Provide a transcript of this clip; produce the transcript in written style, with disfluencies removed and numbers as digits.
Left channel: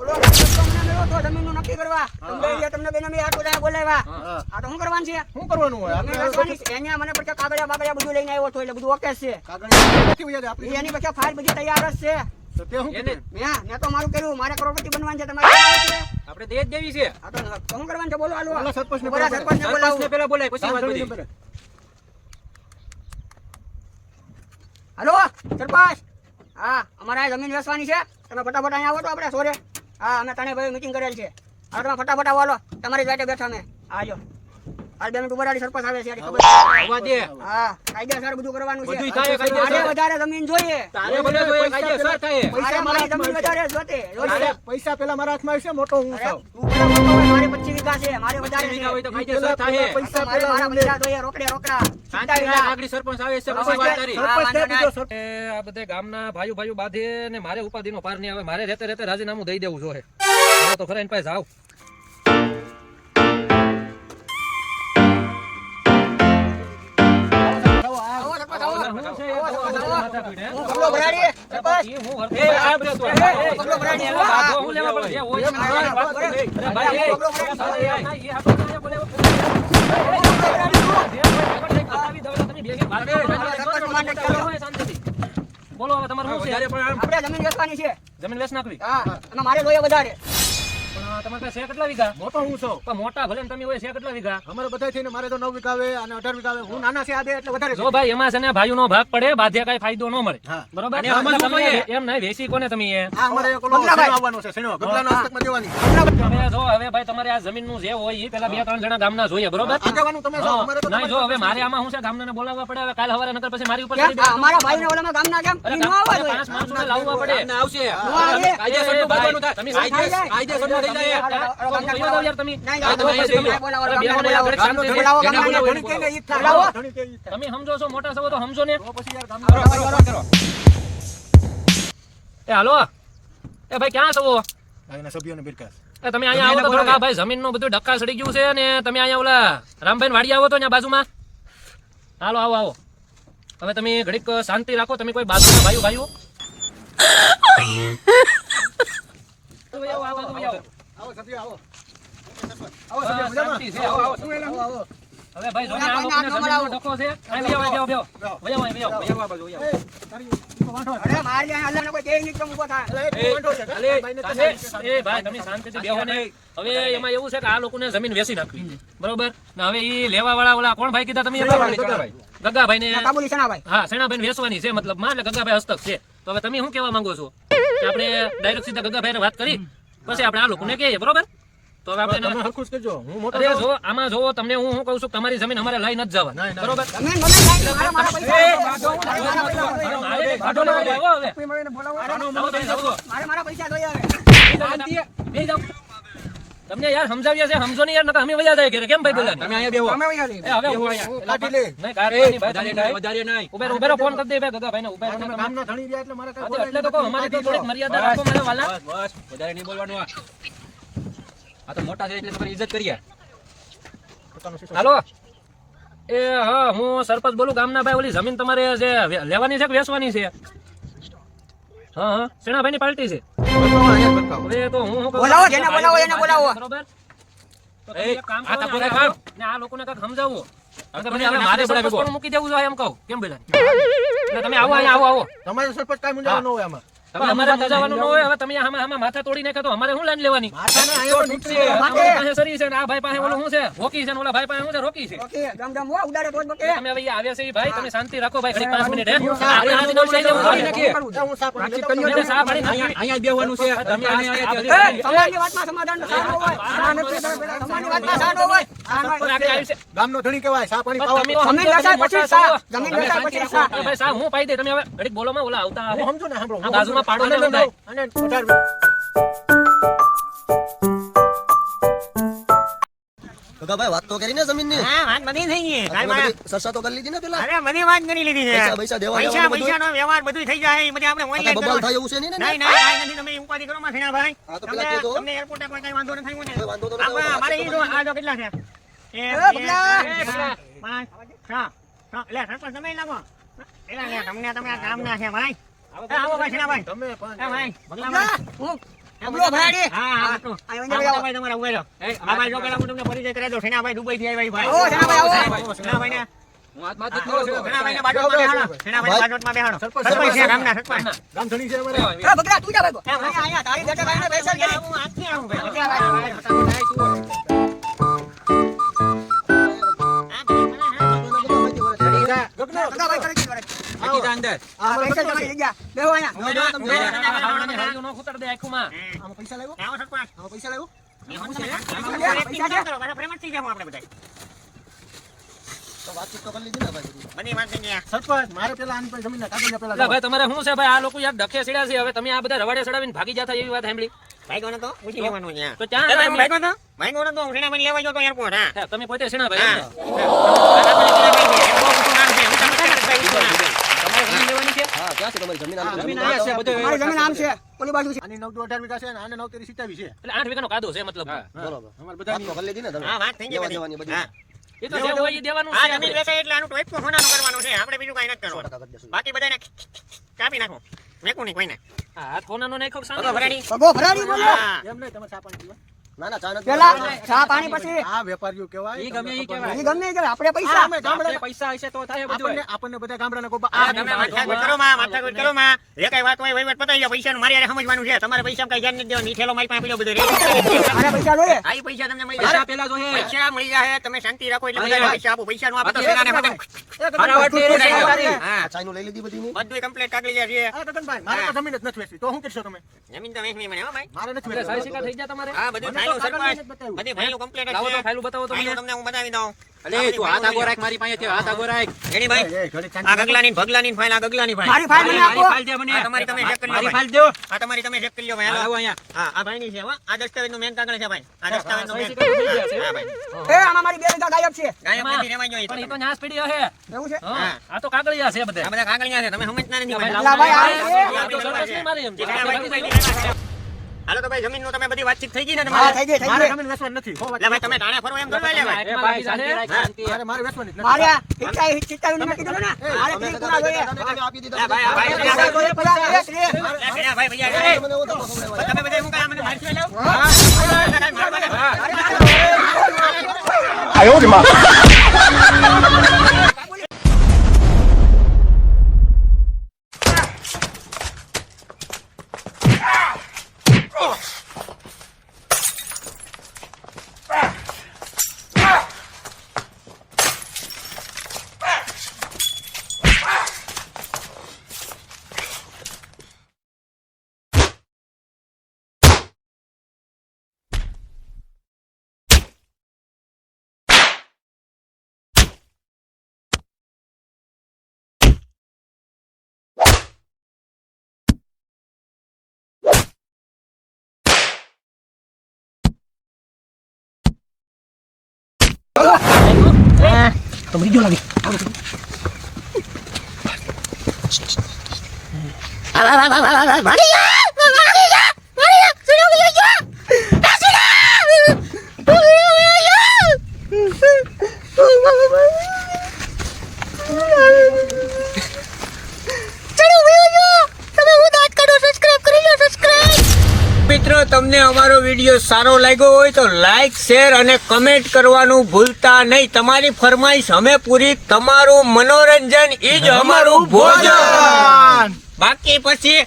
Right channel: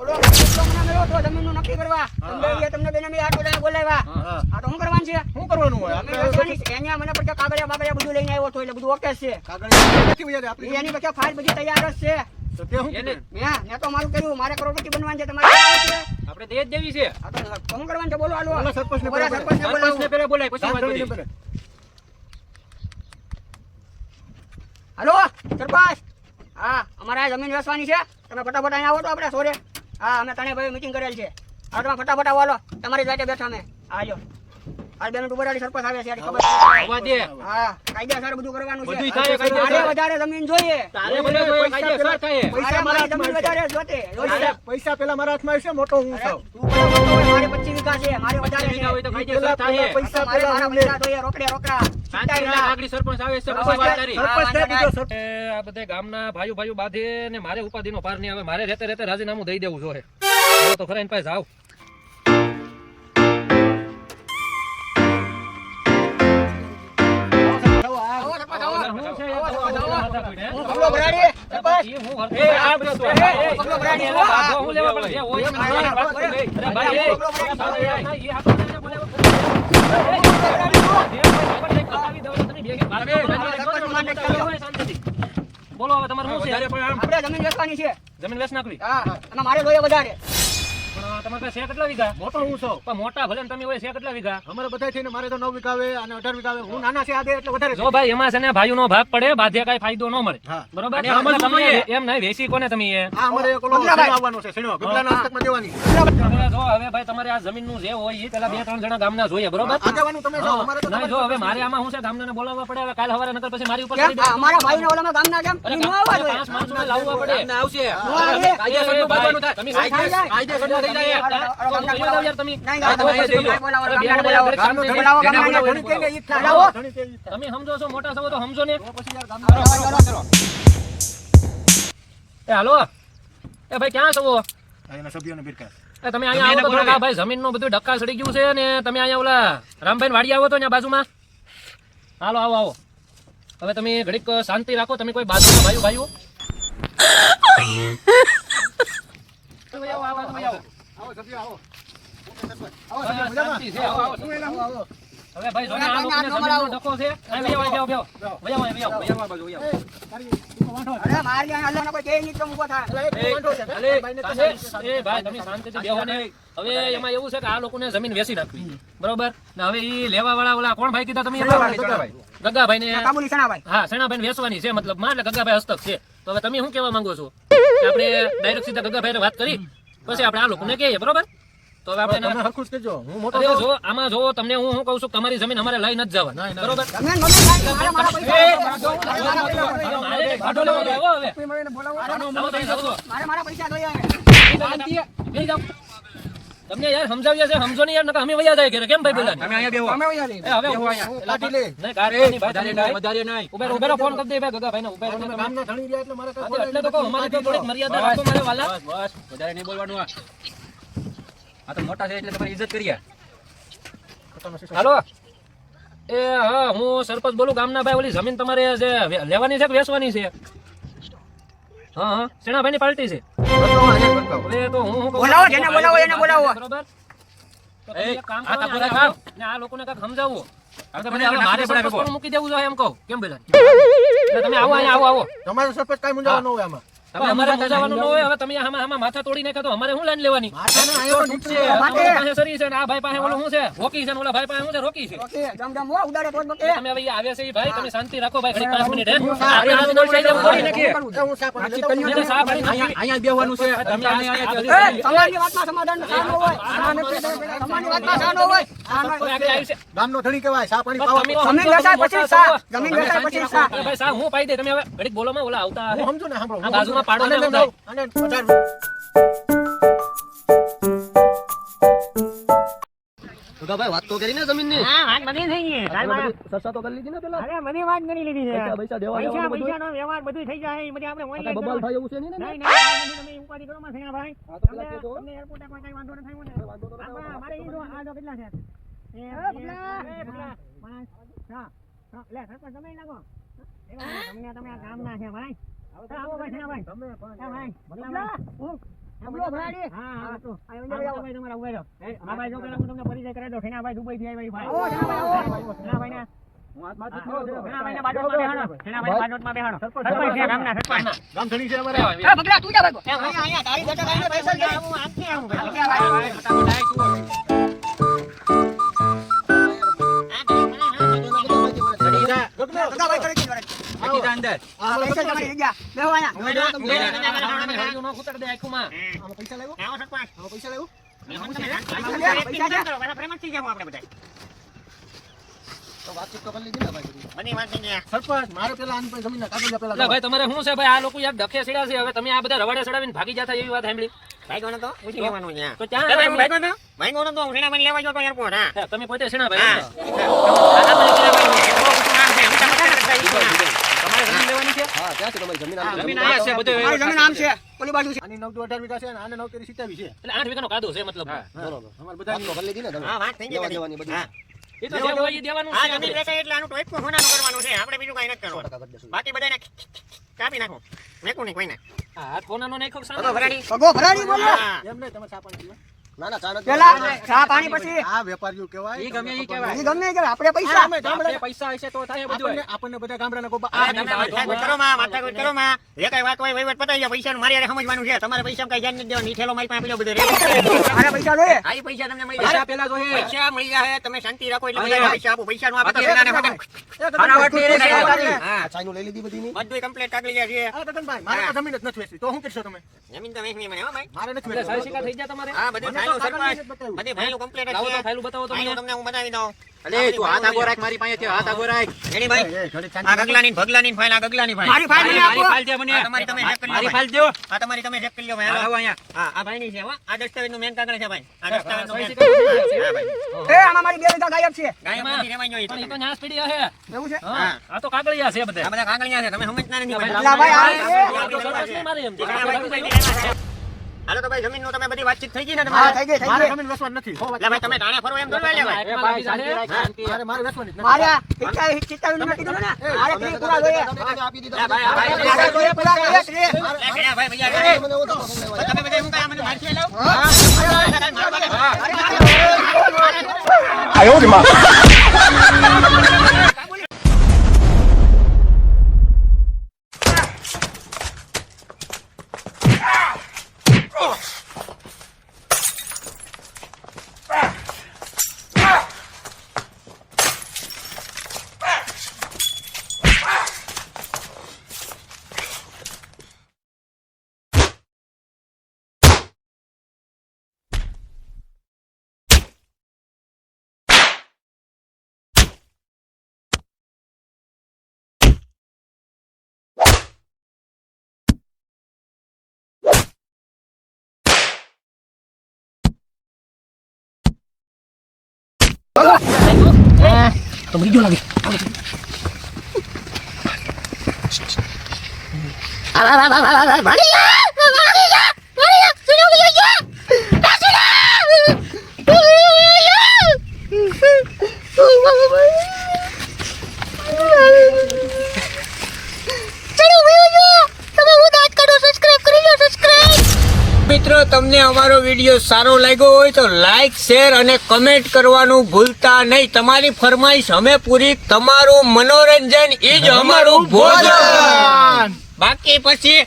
ઓલો કેટલો મને મેળો તો જમીનનું નક્કી કરવા તમને બેને મેં આટો બોલાવ્યા આ તો શું કરવાનું છે શું કરવાનું હોય અહીંયા મને પછી કાગળિયા બાગળિયા બધું લઈને આવ્યો તો એટલે બધું ઓકે છે એની પછી ફાઇલ બધી તૈયાર જ છે તો તે હું મેં તો મારું કર્યું મારે કરોડપતિ બનવાનું છે તમારે આપણે દેશ દેવી છે આ તો શું કરવાનું છે બોલો હાલો સરપંચને પેલા બોલાય પછી વાત બધી હાલો સરપંચ હા અમારે આ જમીન વેચવાની છે તમે ફટાફટ અહીંયા આવો તો આપણે સોરે હા અમે ત્રણેય ભાઈ મીટિંગ કરેલ છે હવે તમે ફટાફટ આવો હાલો તમારી જાતે બેઠા અમે આજો આ 2 મિનિટ ઉભા રહી સરપંચ આવે છે ખબર આવવા દે હા કાયદેસર બધું કરવાનું છે બધું થાય કાયદેસર મારે વધારે જમીન જોઈએ તારે ભલે જોઈએ કાયદેસર થાય મારે મારી જમીન વધારે જોતે પૈસા પેલા મારા હાથમાં આવશે મોટો હું છું મારે 25 વીઘા છે મારે વધારે છે હોય તો કાયદેસર થાય પૈસા મારે પેલા મારા પૈસા જોઈએ રોકડા શાંતિ રાખ આગળ સરપંચ આવે છે પછી વાત કરી સરપંચ ને બીજો આ બધે ગામના ભાઈઓ બાંધે ને મારે ઉપાધિનો પાર નહીં આવે મારે રહેતે રાજીનામું દઈ દેવું જોઈએ હવે તો ખરા એની પાસે જાવ બોલો હવે તમારું શું છે આપણે જમીન વેચવાની છે જમીન વેચ નાખવી હા અને મારે જોઈએ વધારે પણ તમારે પાસે છે કેટલા વીઘા મોટો હું છું પણ મોટા ભલે ને તમે હોય છે કેટલા વીઘા અમારે બધા થઈને મારે તો 9 વીઘા આવે અને 18 વીઘા આવે હું નાના છે આ દે એટલે વધારે જો ભાઈ એમાં છે ને ભાઈઓનો ભાગ પડે બાધ્યા કઈ ફાયદો ન મળે હા. બરોબર અને અમારે શું તમે જોઈએ? એમ નહીં વેચી કોને તમે એ આ અમારે કોલો આવવાનો છે સીણો ગબલાના હસ્તકમાં દેવાની હવે જો હવે ભાઈ તમારે આ જમીનનું જે હોય એ પેલા 2-3 જણા ગામના જોઈએ બરોબર આગેવાનું તમે છો અમારે તો નહીં જો હવે મારે આમાં શું છે ગામના બોલાવવા પડે હવે કાલ સવારે નકર પછી મારી ઉપર કેમ અમારા ભાઈને ઓલામાં ગામના કેમ અરે ઈનો આવે છે 5 માણસોને લાવવા પડે આવશે આવે. કાયદેસર બોલવાનું થાય તમે કાયદેસર થઈ જાય યાર તમે તમે સમજો છો મોટા સવો તો સમજો ને એ હાલો એ ભાઈ ક્યાં છો એના સભ્યોને બિરકાસ એ તમે અહીંયા આવો તો થોડુંક આ ભાઈ જમીનનું બધું ડક્કા સડી ગયું છે ને તમે અહીંયા ઓલા રામભાઈ વાડી આવો તો ત્યાં બાજુમાં હાલો આવો હવે તમે ઘડીક શાંતિ રાખો તમે કોઈ બાજુના ભાઈઓ આવો સભ્ય આવો શાંતિ છે આવો હવે ભાઈ જોને આ લોકોને જમીનનો ડખો છે અહીં વયા બાજુ અરે મારી આ હાલે કોઈ કેઈ નીકળો ઊભો થાય એ ભાઈ તમે શાંતિથી બેહો ને હવે એમાં એવું છે કે આ લોકોને જમીન વેચી નાખવી બરોબર ને હવે ઈ લેવા વાળા ઓલા કોણ ભાઈ કીધા તમે ગગાભાઈ ને કાબુલી સણાભાઈ હા સેનાભાઈ વેચવાની છે મતલબ માં એટલે ગગાભાઈ હસ્તક છે તો હવે તમે શું કહેવા માંગો છો કે આપણે ડાયરેક્ટ સીધા ગગાભાઈને વાત કરી પછી આપણે આ લોકોને કહીએ બરોબર તો હવે આપણે હરખું જ કહેજો હું મોટો અરે જો આમાં જો તમને હું શું કહું છું તમારી જમીન અમારે લઈ નથી જવા બરોબર તમે મને કાઈ મારા મારા પૈસા મારે મારા પૈસા જોઈએ તમને યાર સમજાવ્યા છે સમજો ને યાર નકર અમે વયા જાય કેમ ભાઈ બોલા તમે અહીંયા બેહો તમે વયા લે એ હવે લાઠી લે નહીં કાઢવાની ભાઈ તમે કાઈ વધારે નહીં ઉભેરો ફોન કરી દે ભાઈ ગગાભાઈને ઉભેરો તમે ગામનો ધણી રહ્યા એટલે મારે હા, તો એટલે તો કહું અમારી તો થોડીક મર્યાદા રાખો મારા વાલા બસ વધારે નહીં બોલવાનું આ તો મોટા છે એટલે તમારી ઇજ્જત કરીએ હાલો એ હા હું સરપંચ બોલું ગામના ભાઈ ઓલી જમીન તમારે જે લેવાની છે કે વેચવાની છે હા સેનાભાઈની પાર્ટી છે હવે તો હું શું કહું બોલાવો, જેને બોલાવો એને બોલાવો. બરોબર તો તમે એક કામ કરો ને આ ને આ લોકોને કાંઈક સમજાવો હવે મારે સરપંચ પણ મૂકી દેવું જોઈએ એમ કહું કેમ બોલા તમે આવો અહીંયા આવો તમારે સરપંચ કાઈ મુંજાવા ન હોય આમાં પણ અમારે મજાવાનું ન હોય હવે તમે આમાં માથા તોડી નાખ્યા તો અમારે શું લાઈન લેવાની માથાને આયો તો નીકળે અમારી પાસે સરી છે ને આ ભાઈ પાસે ઓલું શું છે હોકી છે ને ઓલા ભાઈ પાસે શું છે રોકી છે ઓકે જમ જમ હો ઉડાડે તો બકે તમે હવે આવ્યા છે ઈ ભાઈ તમે શાંતિ રાખો ભાઈ ઘડીક 5 મિનિટ હે આપણે રાજીનામું લઈ જવું પડી નાખીએ હું સાપ મેને સા પાડી નાખી અહીંયા બેહવાનું છે તમે તમારી વાતમાં સમાધાન સાનો હોય આ નથી તમારી વાતમાં સાનો હોય ગામનો ધણી કહેવાય સા પાણી પાવા જમીન વેચાય પછી સા જમીન વેચાય પછી સા ભાઈ સા હું પાઈ દે તમે હવે ઘડીક બોલો માં ઓલા આવતા હું સમજો ને સાંભળો આ બાજુમાં પાડો ને હું થાય અને 18 ભાઈ વાત તો કરી ને જમીન ની હા વાત બધી થઈ ગઈ સરસા તો કરી લીધી ને પેલા અરે બધી વાત કરી લીધી છે પૈસા દેવા પૈસાનો વ્યવહાર બધું થઈ જાય એ બધી આપણે ઓનલાઈન બબલ થાય એવું છે નહીં ને નહીં તમે ઉપાધિ કરો માં ફેણા ભાઈ હા, તો પેલા કહેજો. તમને એરપોર્ટ પર કઈ વાંધો ન થયું ને કોઈ વાંધો તો નથી. આપણે અમારે ઈ જો આ જો કેટલા છે સરપંચ તમે લાગો તમને તમે આ કામ ના છે ભાઈ આવો ભાઈ ફેણા ભાઈ તમે ભાઈ બગલા ભાઈ હું ડબલો ભરાડી. હા હા તો અહીં અંદર આવો. ભાઈ તમારા ઉભા રહો આ ભાઈ જો પેલા હું તમને પરિચય કરાવી દઉં સેનાભાઈ દુબઈ થી આવ્યા ભાઈ ઓ, સેનાભાઈ આવો. સેનાભાઈ ને હું હાથ બાદ નથી કરું છું. સેનાભાઈને બાજુમાં બેહાડો સેનાભાઈ બાજુમાં બેહાડો સરપંચ છે ગામના સરપંચ ગામ ધણી છે અમારે એ બગડા તું જા ભાગો. અહીંયા તારી બેઠક આવીને બેસલ છે. હું આજથી આવું ભાઈ બગડા ભાઈ કરી દીધો. બાકી જા અંદર. બેસલ તમારી જગ્યા. બેહો અહીંયા. આવડાની હળિયું ન ખૂતર દે આંખોમાં. આમાં પૈસા લાવ્યો આવો સરપંચ આમાં પૈસા લાવ્યો તો વાતચીત તો કરી લીધી ને ભાઈ સરપંચ મારે પેલા આની પર જમીનના કાગળિયા પેલા એટલે ભાઈ તમારે શું છે ભાઈ આ લોકો યાર ડખે સીડા છે હવે તમે આ બધા રવાડે ચડાવીને ભાગી જતા એવી વાત સાંભળી તો ક્યાં હતા તમે? હે, તમે પોતે સીણા ભાઈ એમ તો. હા ક્યાંથી તમારી જમીન આમ જમીન અહીંયા છે બધું. મારી જમીન આમ છે. ઓલી બાજુ છે. આની 9 તો 18 વીઘા છે અને આને 9 તેરી 27 છે એટલે 8 વીઘાનો કાદો છે મતલબ. હા. બરોબર અમાર બધા વાત તો કરી લીધી ને તમે હા, વાત થઈ ગઈ લેવા બધી. દેવાની બધી એ તો જે હોય એ દેવાનું છે આપણે. એટલે આનું ટોપકું હોનાનું કરવાનું છે આપણે બીજું કાંઈ નથી કરવાનું ટકા કરી દેશું બાકી બધાને કાપી નાખો મેકું નહીં કોઈને આ હાથ કોનાનો નાખ્યો કે તો સામે? ભરાડી ભગો ભરાડી બોલો. હા એમ નહીં તમે ચા પાણી પીવા ના ના ચા નથી પેલા પીવાનો. ચા પાણી પછી આ વેપારીઓ કહેવાય ઈ ગમે ઈ કહેવાય. હજી ગમે એ કરે. આપણે પૈસા અમે ગામડા આપણે પૈસા હશે તો થાય બધું. આપણને બધા ગામડાના ગોબા આ ગામડા માથાકૂટ કરો માં માથાકૂટ કરો માં જે કઈ વાત હોય વહીવટ પતાવી જાવ પૈસાનું મારી હારે સમજવાનું છે તમારે પૈસા કઈ ધ્યાન નથી દેવાનું નીઠેલો મારી પાસે બધું રેડી મારા પૈસા જોઈએ. આઈ પૈસા તમને મળી પૈસા જાય પેલા જો હે. પૈસા મળી જાય તમે શાંતિ રાખો એટલે બધા પૈસા આપો પૈસા નું આપો તો સેનાને બધું ફટાફટ એ રહેશે. હા આ ચાઈનું લઈ લીધી બધી બધું કમ્પ્લીટ કાગળી જાય છે આ ગગનભાઈ મારે તો જમીન જ નથી વેચવી તો શું કરશો તમે જમીન તો વેચવી મને હો ભાઈ મારે નથી એટલે સારી વેચવી શિકાર થઈ ગયા તમારે? હા બધું ફાઇલો સરપંચ બધી ફાઇલો કમ્પ્લીટ લાવો તો છે ફાઇલું બતાવો તો મને. ફાઇલો તમને હું બનાવી દઉં અલે તું હાથ આગો રાખ મારી પાસે હાથ આગો રાખ. એની ભાઈ આ ગગલાની ભગલાની ફાઇલ આ ગગલાની ફાઇલ મારી ફાઇલ મને મારી આપો. ફાઇલ દે મને. આ તમારી તમે ચેક કરી લો મારી ભાઈ. ફાઇલ દો. આ તમારી તમે ચેક કરી લો ભાઈ આવો હાલો અહીંયા. હા આ ભાઈની છે હો આ દસ્તાવેજનું મેન કાગળ છે ભાઈ આ દસ્તાવેજનું સહી મેન શિકાર થઈ ગયા છે. હા ભાઈ એ આમાં મારી બે વીઘા ગાયબ છે. ગાયબ એમાં નથી રહેવાય પણ નહીં ઈ તો ન્યાસ પીડી હે. એવું છે? હા, આ તો કાગળિયા છે બધા. આ બધા કાગળિયા છે તમે સમજતા નથી ભાઈ લા ભાઈ, આ તો સરપંચ નહીં મારી એમ. હાલો તો ભાઈ જમીનનું તમે બધી વાતચીત થઈ ગઈ ને હા, તમારે થઈ ગઈ, થઈ મારે ગઈ. જમીન વેચવાની નથી એટલે ભાઈ તમે ટાણે ફરો એમ દોડવા લે ભાઈ એમાં લાગી શાંતિ જાશે. રાખ, શાંતિ. મારે વેચવાની જ નથી મારે આ ચિત્તા નથી કીધું ને. મારે અમે ત્રીસ કદાચ પૂરા જોઈએ. આપી દીધા ભાઈ, આ ભાઈ, ત્રીસ પૂરા જોઈએ, પૂરા જોઈએ, ત્રીસ. લે, ભાઈ ભૈયા મને એવું તો પકડવા આવ્યા. તમે બધા હું કાંઈ મને મારથી લાવ તો બીજો લાગે. મિત્રો તમને અમારો વિડીયો સારો લાગ્યો હોય તો લાઈક શેર અને કમેન્ટ કરવાનું ભૂલતા નહીં તમારી ફરમાઈશ અમે પૂરી તમારું મનોરંજન ઈ જ અમારું ભોજન બાકી પછી